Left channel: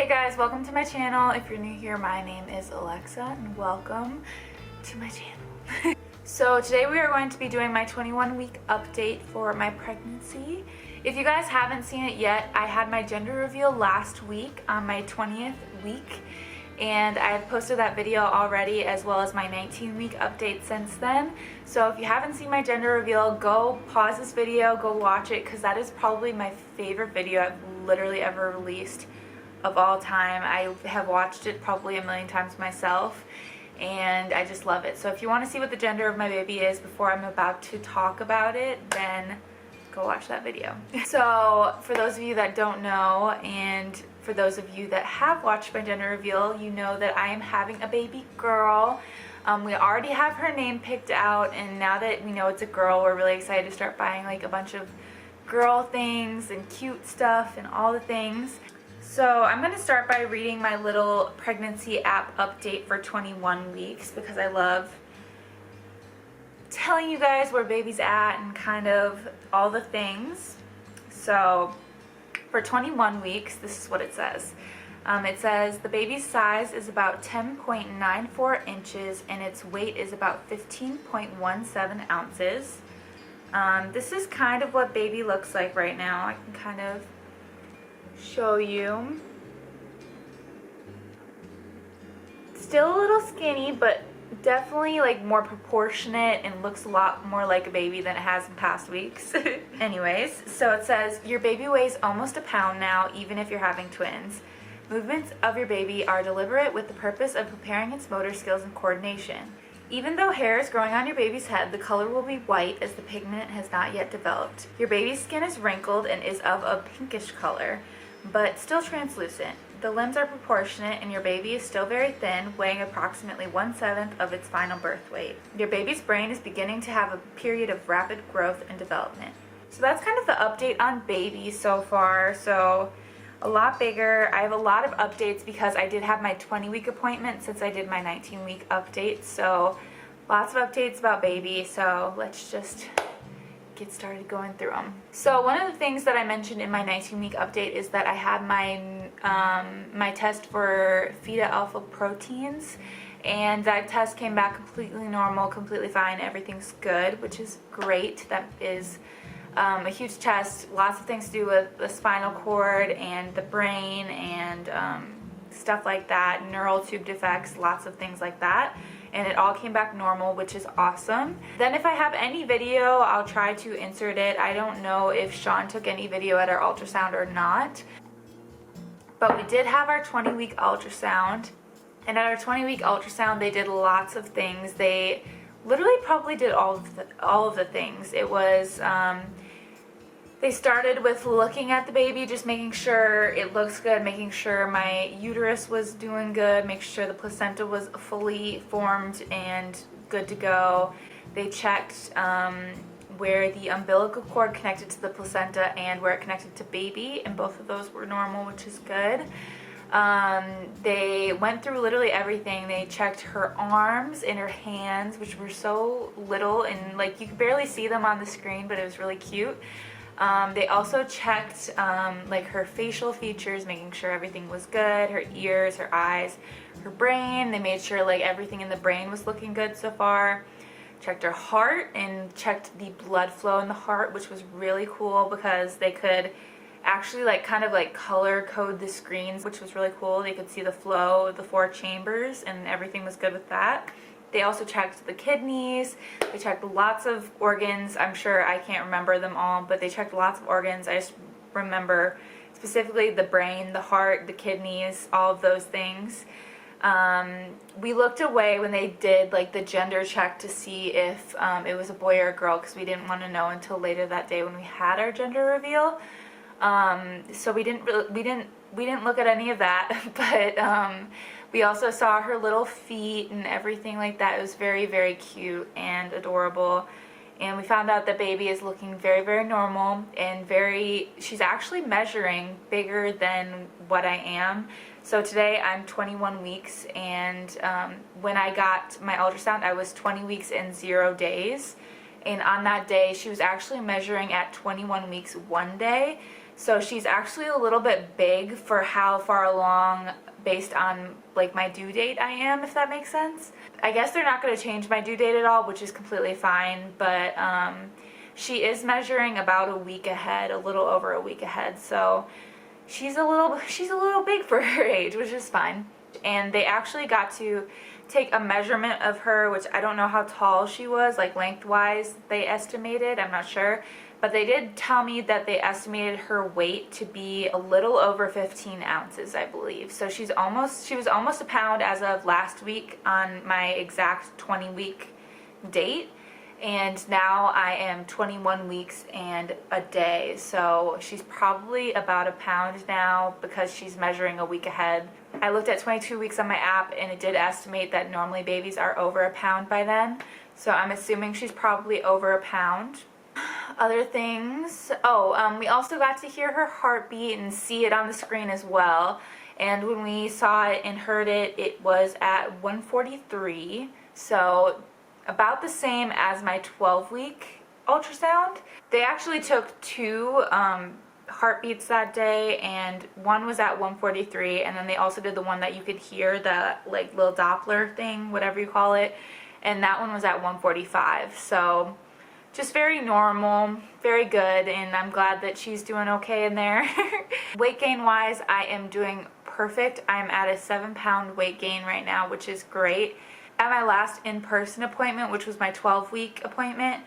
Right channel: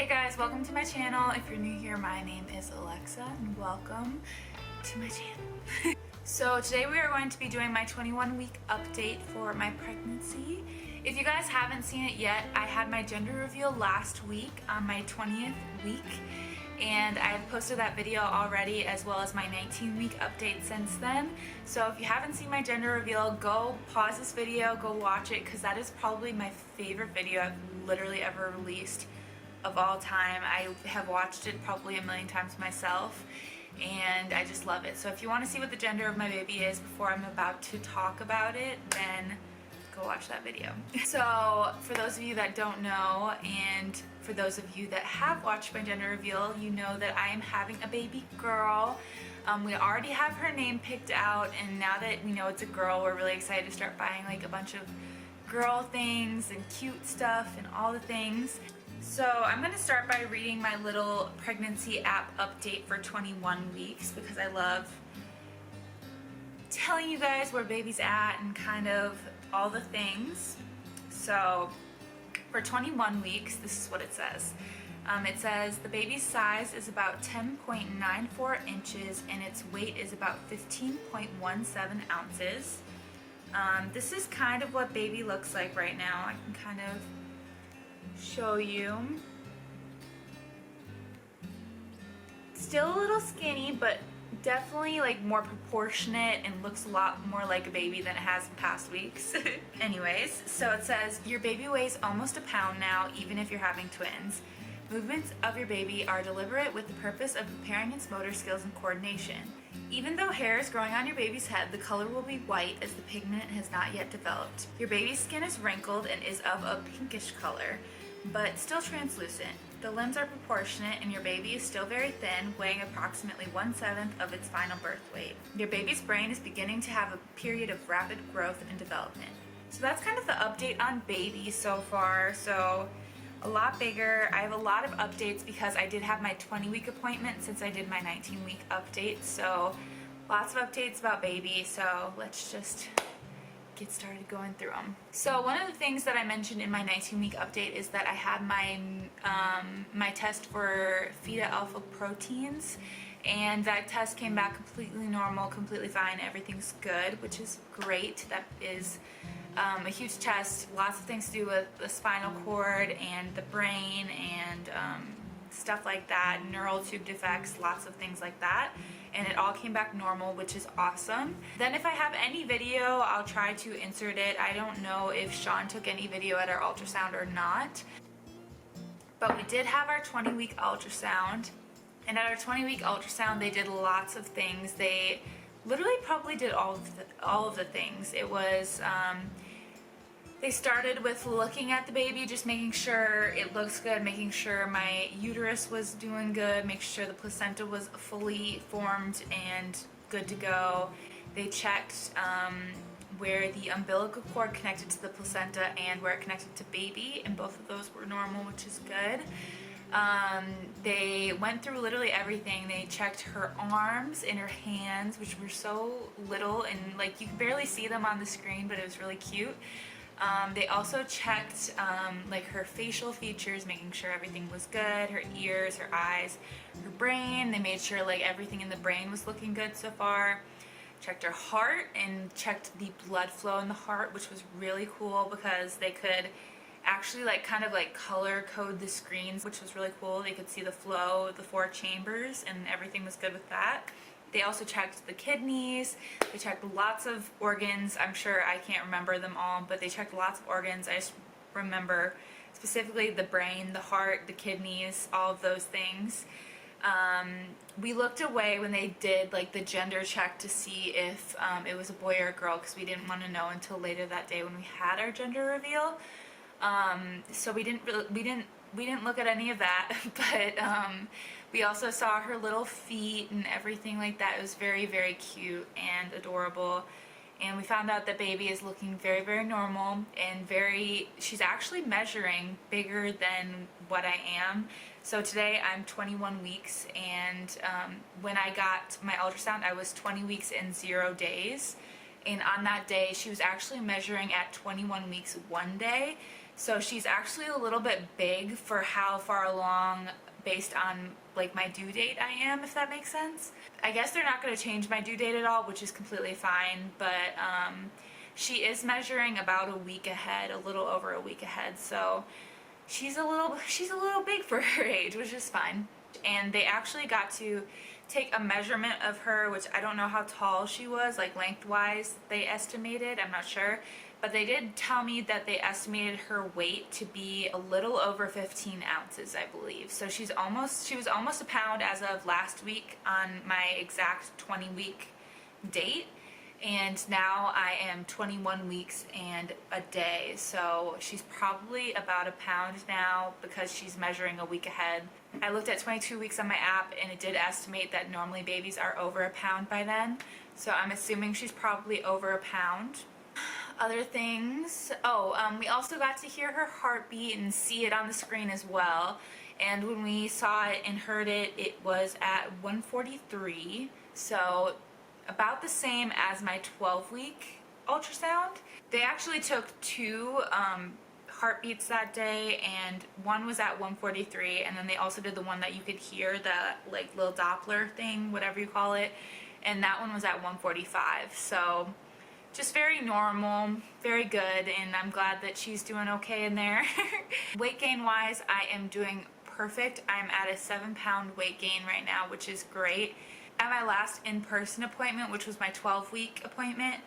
Hey guys, welcome to my channel. If you're new here, my name is Alexa and welcome to my channel. So today we are going to be doing my 21-week update for my pregnancy. If you guys haven't seen it yet, I had my gender reveal last week on my 20th week, and I have posted that video already, as well as my 19-week update since then. So if you haven't seen my gender reveal, go pause this video, go watch it, because that is probably my favorite video I've literally ever released of all time. I have watched it probably a million times myself, and I just love it. So if you want to see what the gender of my baby is before I'm about to talk about it, then go watch that video. So for those of you that don't know, and for those of you that have watched my gender reveal, you know that I am having a baby girl. We already have her name picked out, and now that we know it's a girl, we're really excited to start buying like a bunch of girl things and cute stuff and all the things. So I'm going to start by reading my little pregnancy app update for 21 weeks because I love telling you guys where baby's at and kind of all the things. So for 21 weeks, this is what it says. It says the baby's size is about 10.94 inches and its weight is about 15.17 ounces. This is kind of what baby looks like right now. I can kind of show you. Still a little skinny, but definitely like more proportionate and looks a lot more like a baby than it has in past weeks. Anyways, so it says your baby weighs almost a pound now, even if you're having twins. Movements of your baby are deliberate with the purpose of preparing its motor skills and coordination. Even though hair is growing on your baby's head, the color will be white as the pigment has not yet developed. Your baby's skin is wrinkled and is of a pinkish color, but still translucent. The limbs are proportionate and your baby is still very thin, weighing approximately 1/7 of its final birth weight. Your baby's brain is beginning to have a period of rapid growth and development. So that's kind of the update on baby so far. So a lot bigger. I have a lot of updates because I did have my 20-week appointment since I did my 19-week update. So lots of updates about baby. So let's just get started going through them. So one of the things that I mentioned in my 19-week update is that I had my my test for feta alpha proteins, and that test came back completely normal, completely fine, everything's good, which is great. That is a huge test, lots of things to do with the spinal cord and the brain and stuff like that, neural tube defects, lots of things like that, and it all came back normal, which is awesome. Then if I have any video, I'll try to insert it. I don't know if Sean took any video at our ultrasound or not, but we did have our 20-week ultrasound, and at our 20-week ultrasound they did lots of things. They literally probably did all of the things. It was they started with looking at the baby, just making sure it looks good, making sure my uterus was doing good, make sure the placenta was fully formed and good to go. They checked where the umbilical cord connected to the placenta and where it connected to baby, and both of those were normal, which is good. They went through literally everything. They checked her arms and her hands, which were so little and like you could barely see them on the screen, but it was really cute. They also checked like her facial features, making sure everything was good, her ears, her eyes, her brain. They made sure like everything in the brain was looking good so far. Checked her heart and checked the blood flow in the heart, which was really cool because they could actually like kind of like color code the screens, which was really cool. They could see the flow of the 4 chambers and everything was good with that. They also checked the kidneys. They checked lots of organs. I'm sure I can't remember them all, but they checked lots of organs. I just remember specifically the brain, the heart, the kidneys, all of those things. We looked away when they did like the gender check to see if it was a boy or a girl, because we didn't want to know until later that day when we had our gender reveal. So we didn't look at any of that, but we also saw her little feet and everything like that. It was very, very cute and adorable. And we found out that baby is looking very, very normal and she's actually measuring bigger than what I am. So today I'm 21 weeks, and when I got my ultrasound, I was 20 weeks and 0 days. And on that day, she was actually measuring at 21 weeks 1 day. So she's actually a little bit big for how far along based on like my due date I am, if that makes sense. I guess they're not going to change my due date at all, which is completely fine, but she is measuring about a week ahead, a little over a week ahead, so she's a little big for her age, which is fine. And they actually got to take a measurement of her, which I don't know how tall she was, like lengthwise they estimated, I'm not sure. But they did tell me that they estimated her weight to be a little over 15 ounces, I believe. So she was almost a pound as of last week on my exact 20-week date. And now I am 21 weeks and a day. So she's probably about a pound now because she's measuring a week ahead. I looked at 22 weeks on my app and it did estimate that normally babies are over a pound by then. So I'm assuming she's probably over a pound. Other things, we also got to hear her heartbeat and see it on the screen as well. And when we saw it and heard it, it was at 143, so about the same as my 12-week ultrasound. They actually took two heartbeats that day, and one was at 143, and then they also did the one that you could hear, the like little Doppler thing, whatever you call it, and that one was at 145. So just very normal, very good, and I'm glad that she's doing okay in there. Weight gain wise, I am doing perfect. I'm at a 7-pound weight gain right now, which is great. At my last in-person appointment, which was my 12-week appointment,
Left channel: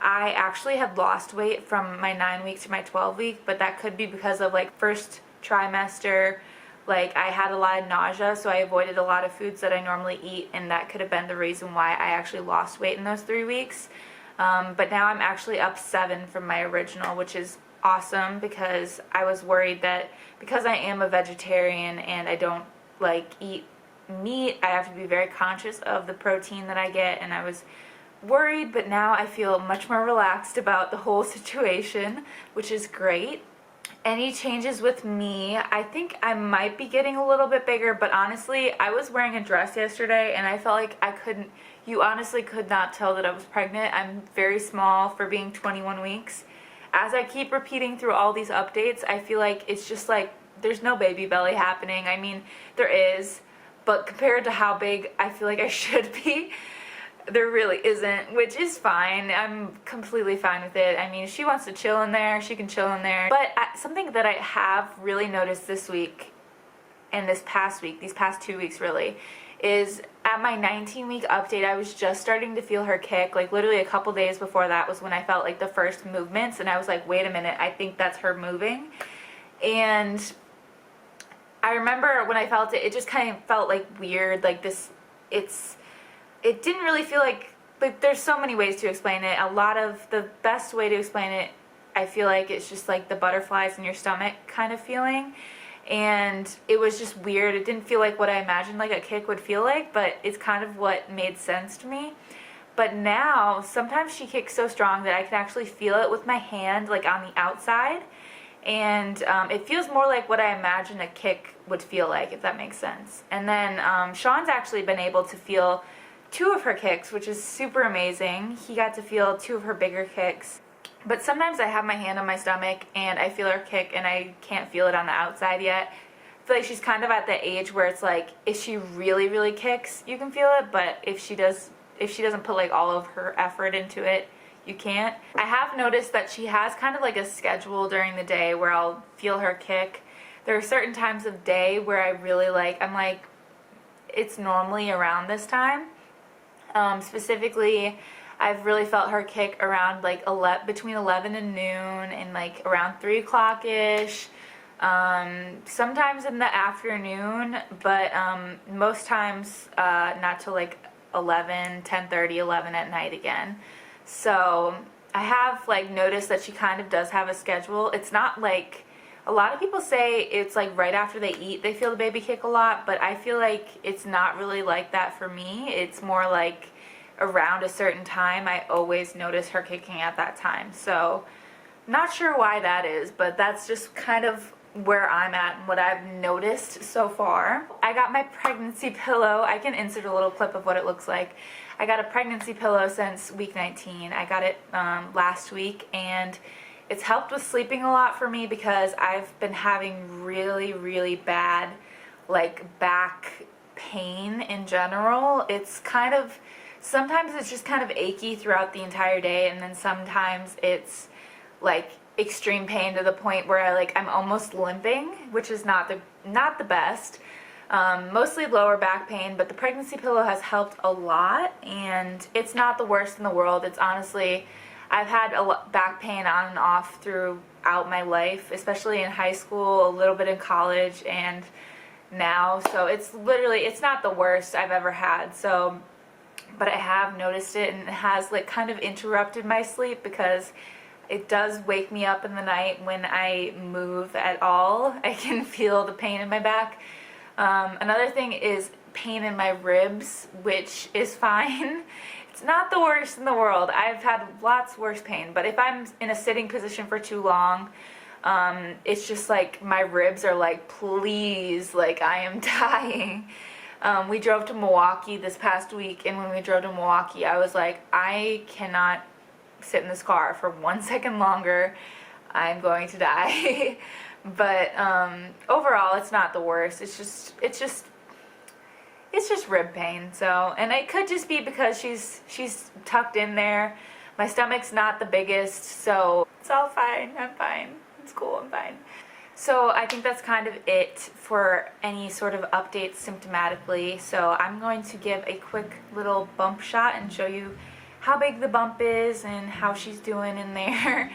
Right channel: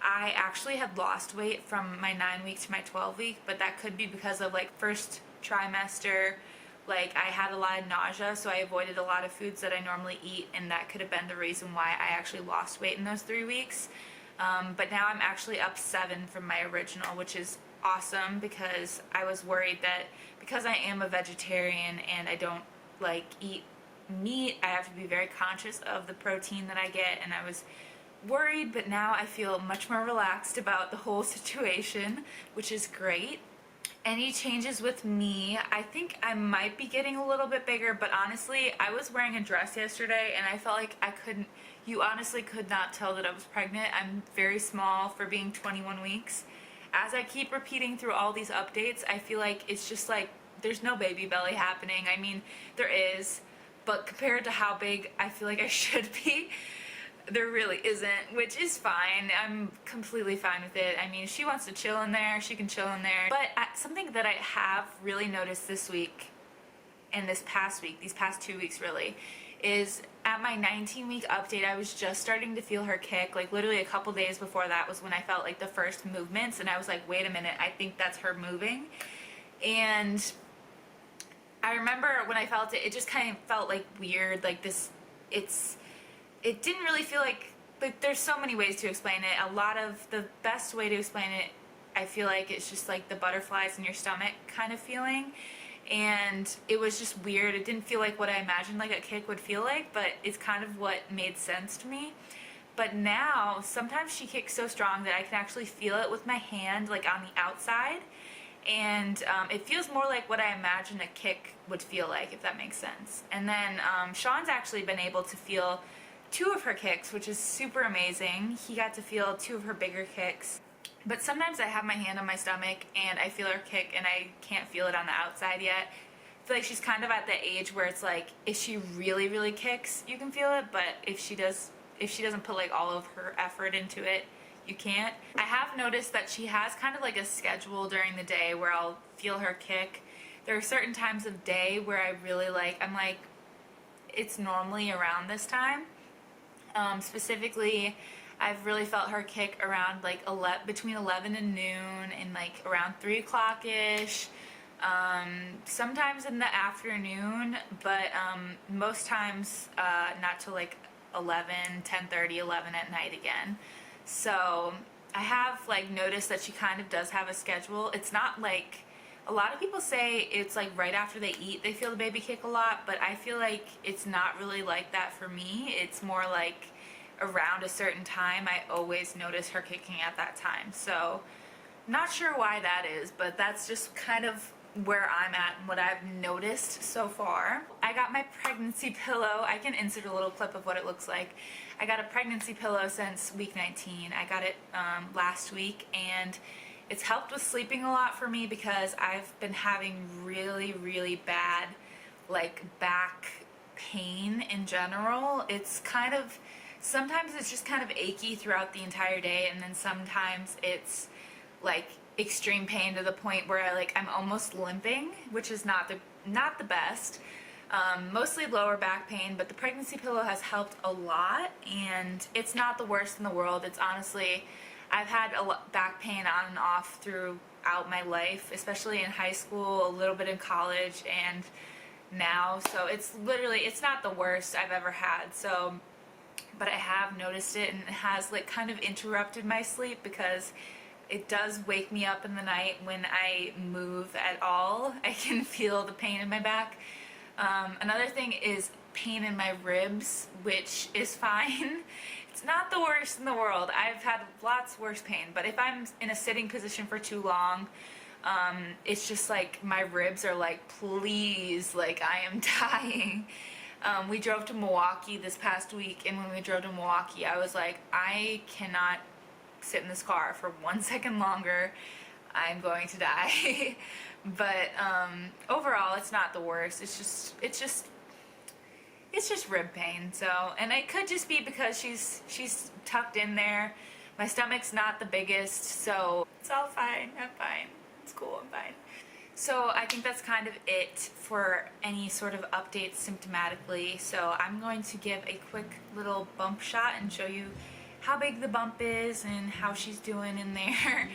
I actually had lost weight from my 9-week to my 12-week, but that could be because of like first trimester, like I had a lot of nausea, so I avoided a lot of foods that I normally eat, and that could have been the reason why I actually lost weight in those 3 weeks. But now I'm actually up 7 from my original, which is awesome because I was worried that because I am a vegetarian and I don't like eat meat, I have to be very conscious of the protein that I get, and I was worried, but now I feel much more relaxed about the whole situation, which is great. Any changes with me? I think I might be getting a little bit bigger, but honestly, I was wearing a dress yesterday and I felt like you honestly could not tell that I was pregnant. I'm very small for being 21 weeks. As I keep repeating through all these updates, I feel like it's just like there's no baby belly happening. I mean, there is, but compared to how big I feel like I should be, there really isn't, which is fine. I'm completely fine with it. I mean, if she wants to chill in there, she can chill in there. But something that I have really noticed this week and this past week, these past 2 weeks really, is at my 19-week update, I was just starting to feel her kick. Like literally a couple days before that was when I felt like the first movements, and I was like, wait a minute, I think that's her moving. And I remember when I felt it, it just kind of felt like weird, like this, it didn't really feel like there's so many ways to explain it. The best way to explain it, I feel like it's just like the butterflies in your stomach kind of feeling. And it was just weird. It didn't feel like what I imagined like a kick would feel like, but it's kind of what made sense to me. But now, sometimes she kicks so strong that I can actually feel it with my hand, like on the outside. And it feels more like what I imagine a kick would feel like, if that makes sense. And then Sean's actually been able to feel 2 of her kicks, which is super amazing. He got to feel 2 of her bigger kicks. But sometimes I have my hand on my stomach and I feel her kick and I can't feel it on the outside yet. I feel like she's kind of at the age where it's like, if she really, really kicks, you can feel it. But if she doesn't put like all of her effort into it, you can't. I have noticed that she has kind of like a schedule during the day where I'll feel her kick. There are certain times of day where I really I'm like, it's normally around this time. Specifically, I've really felt her kick around like between 11 and noon and like around 3 o'clock-ish. Sometimes in the afternoon, but most times not till like 10:30, 11 at night again. So I have like noticed that she kind of does have a schedule. It's not like, a lot of people say it's like right after they eat they feel the baby kick a lot, but I feel like it's not really like that for me. It's more like around a certain time I always notice her kicking at that time. So not sure why that is, but that's just kind of where I'm at and what I've noticed so far. I got my pregnancy pillow. I can insert a little clip of what it looks like. I got a pregnancy pillow since week 19. I got it last week, and It's helped with sleeping a lot for me because I've been having really bad like back pain in general. It's kind of, sometimes it's just kind of achy throughout the entire day, and then sometimes it's like extreme pain to the point where I'm almost limping, which is not the best. Mostly lower back pain, but the pregnancy pillow has helped a lot, and it's not the worst in the world. It's honestly, I've had back pain on and off throughout my life, especially in high school, a little bit in college, and now. So it's literally, it's not the worst I've ever had. So, but I have noticed it, and it has like kind of interrupted my sleep because it does wake me up in the night when I move at all. I can feel the pain in my back. Another thing is pain in my ribs, which is fine. It's not the worst in the world. I've had lots worse pain, but if I'm in a sitting position for too long, it's just like my ribs are like, please, like I am dying. We drove to Milwaukee this past week, and when we drove to Milwaukee, I was like, I cannot sit in this car for 1 second longer. I'm going to die. But overall, it's not the worst. It's just rib pain. So, and it could just be because she's tucked in there. My stomach's not the biggest, so it's all fine. I'm fine. It's cool. I'm fine. So I think that's kind of it for any sort of updates symptomatically. So I'm going to give a quick little bump shot and show you how big the bump is and how she's doing in there.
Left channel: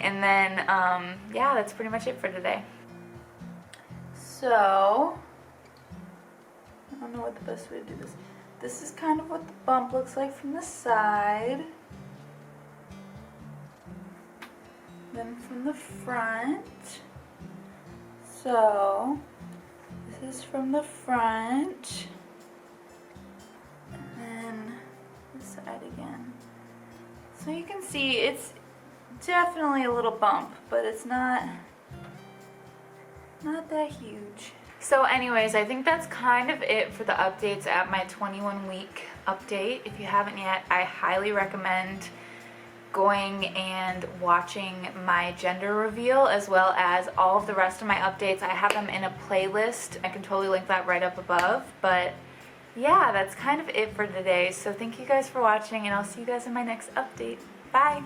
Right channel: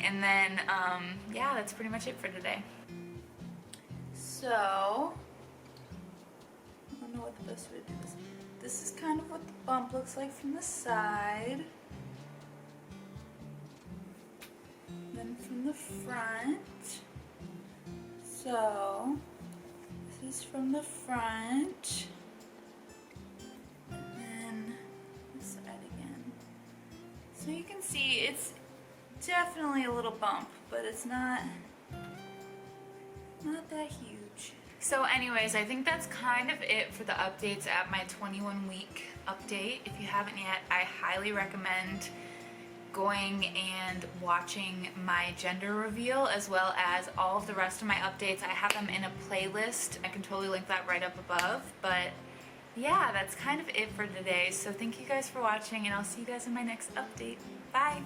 And then, yeah, that's pretty much it for today. So, I don't know what the best way to do this. This is kind of what the bump looks like from the side. Then from the front. So, this is from the front. And then this side again. So you can see it's definitely a little bump, but it's not that huge. So anyways, I think that's kind of it for the updates at my 21-week update. If you haven't yet, I highly recommend going and watching my gender reveal as well as all of the rest of my updates. I have them in a playlist. I can totally link that right up above. But yeah, that's kind of it for today. So thank you guys for watching, and I'll see you guys in my next update. Bye!